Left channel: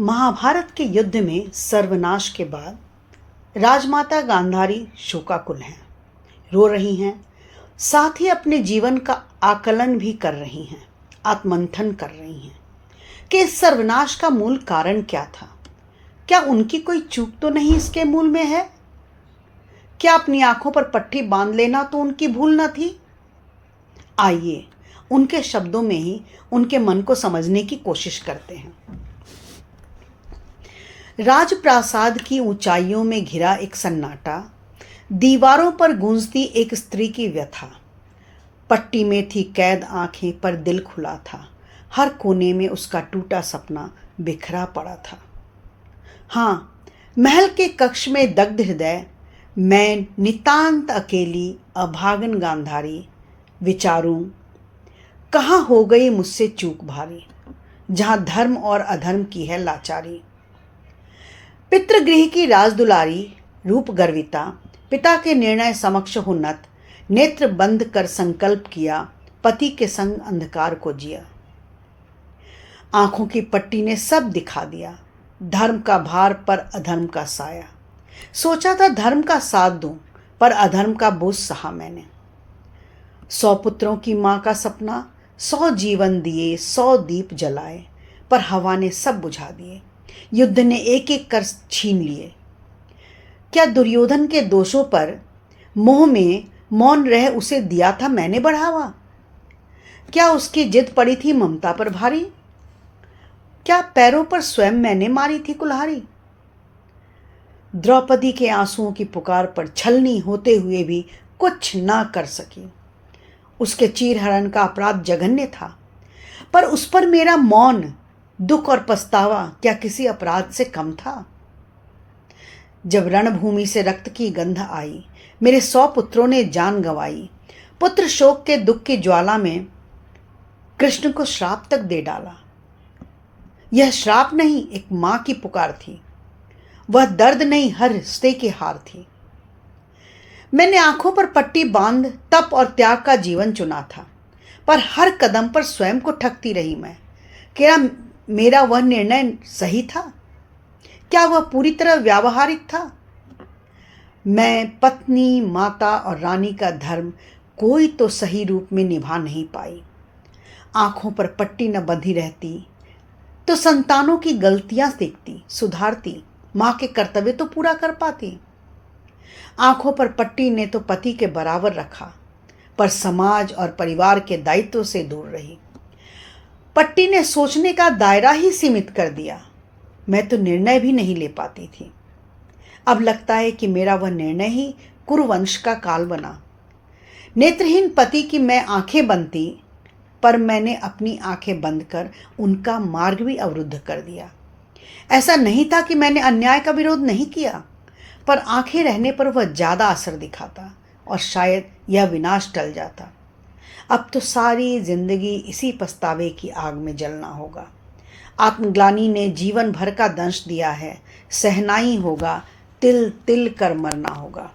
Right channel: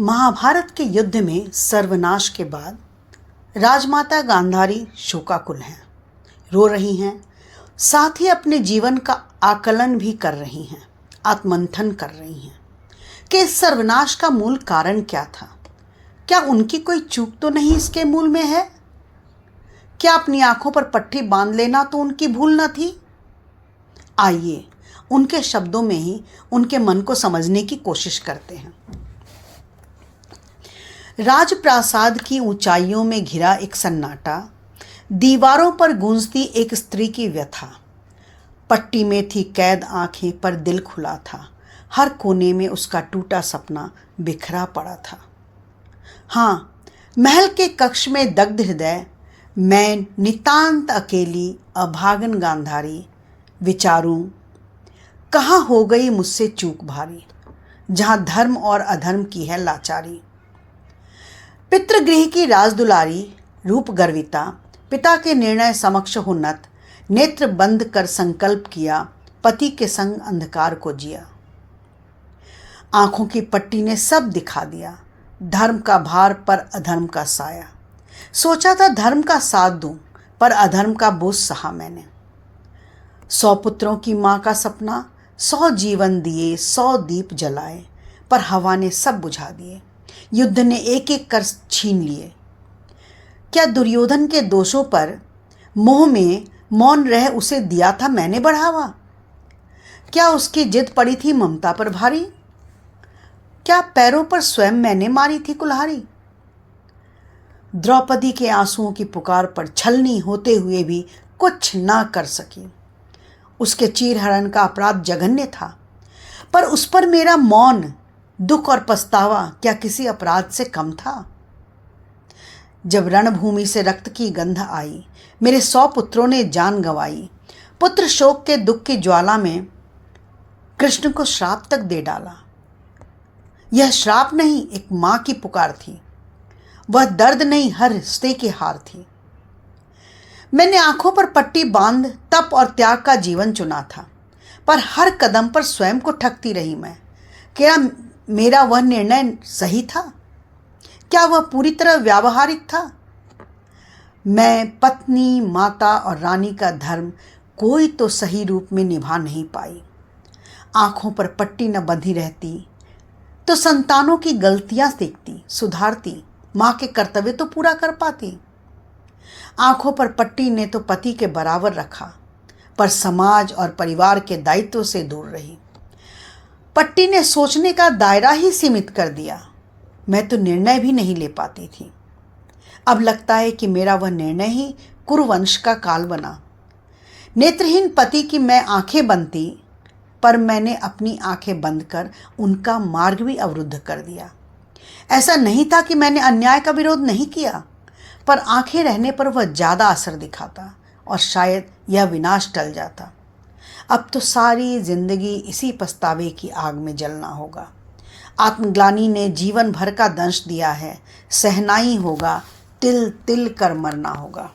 महाभारत के युद्ध में सर्वनाश के बाद राजमाता गांधारी शोकाकुल हैं, रो रही हैं, साथ ही अपने जीवन का आकलन भी कर रही हैं, आत्मंथन कर रही हैं कि इस सर्वनाश का मूल कारण क्या था। क्या उनकी कोई चूक तो नहीं इसके मूल में है? क्या अपनी आंखों पर पट्टी बांध लेना तो उनकी भूल न थी? आइए उनके शब्दों में ही उनके मन को समझने की कोशिश करते हैं। राजप्रासाद की ऊंचाइयों में घिरा एक सन्नाटा, दीवारों पर गूंजती एक स्त्री की व्यथा। पट्टी में थी कैद आंखें पर दिल खुला था, हर कोने में उसका टूटा सपना बिखरा पड़ा था। हाँ, महल के कक्ष में दग्ध हृदय, मैं नितांत अकेली अभागन गांधारी, विचारूं कहाँ हो गई मुझसे चूक भारी, जहाँ धर्म और अधर्म की है लाचारी। पितृगृह की राजदुलारी, रूप गर्विता, पिता के निर्णय समक्ष हुन्नत, नेत्र बंद कर संकल्प किया, पति के संग अंधकार को जिया। आंखों की पट्टी ने सब दिखा दिया, धर्म का भार पर अधर्म का साया। सोचा था धर्म का साथ दूं, पर अधर्म का बोझ सहा मैंने। 100 पुत्रों की मां का सपना, 100 जीवन दिए, 100 दीप जलाए, पर हवा ने सब बुझा दिए, युद्ध ने एक एक कर छीन लिए। क्या दुर्योधन के दोषों पर मोह में मौन रह उसे दिया था मैंने बढ़ावा? क्या उसकी जिद पड़ी थी ममता पर भारी? क्या पैरों पर स्वयं मैंने मारी थी कुल्हाड़ी? द्रौपदी के आंसुओं की पुकार पर छलनी होते हुए भी कुछ ना कर सकी। उसके चीरहरण का अपराध जघन्य था, पर उस पर मेरा मौन, दुख और पछतावा क्या किसी अपराध से कम था? जब रणभूमि से रक्त की गंध आई, मेरे 100 पुत्रों ने जान गंवाई, पुत्र शोक के दुख की ज्वाला में कृष्ण को श्राप तक दे डाला। यह श्राप नहीं, एक मां की पुकार थी। वह दर्द नहीं, हर रिश्ते की हार थी। मैंने आंखों पर पट्टी बांध तप और त्याग का जीवन चुना था, पर हर कदम पर स्वयं को ठगती रही मैं। क्या मेरा वह निर्णय सही था? क्या वह पूरी तरह व्यावहारिक था? मैं पत्नी, माता और रानी का धर्म कोई तो सही रूप में निभा नहीं पाई। आंखों पर पट्टी न बंधी रहती तो संतानों की गलतियां देखती, सुधारती, मां के कर्तव्य तो पूरा कर पाती। आंखों पर पट्टी ने तो पति के बराबर रखा, पर समाज और परिवार के दायित्व से दूर रही। पट्टी ने सोचने का दायरा ही सीमित कर दिया, मैं तो निर्णय भी नहीं ले पाती थी। अब लगता है कि मेरा वह निर्णय ही कुरुवंश का काल बना। नेत्रहीन पति की मैं आंखें बनती, पर मैंने अपनी आंखें बंद कर उनका मार्ग भी अवरुद्ध कर दिया। ऐसा नहीं था कि मैंने अन्याय का विरोध नहीं किया, पर आंखें रहने पर वह ज़्यादा असर दिखाता और शायद यह विनाश टल जाता। अब तो सारी जिंदगी इसी पछतावे की आग में जलना होगा। आत्मग्लानि ने जीवन भर का दंश दिया है, सहना ही होगा, तिल तिल कर मरना होगा।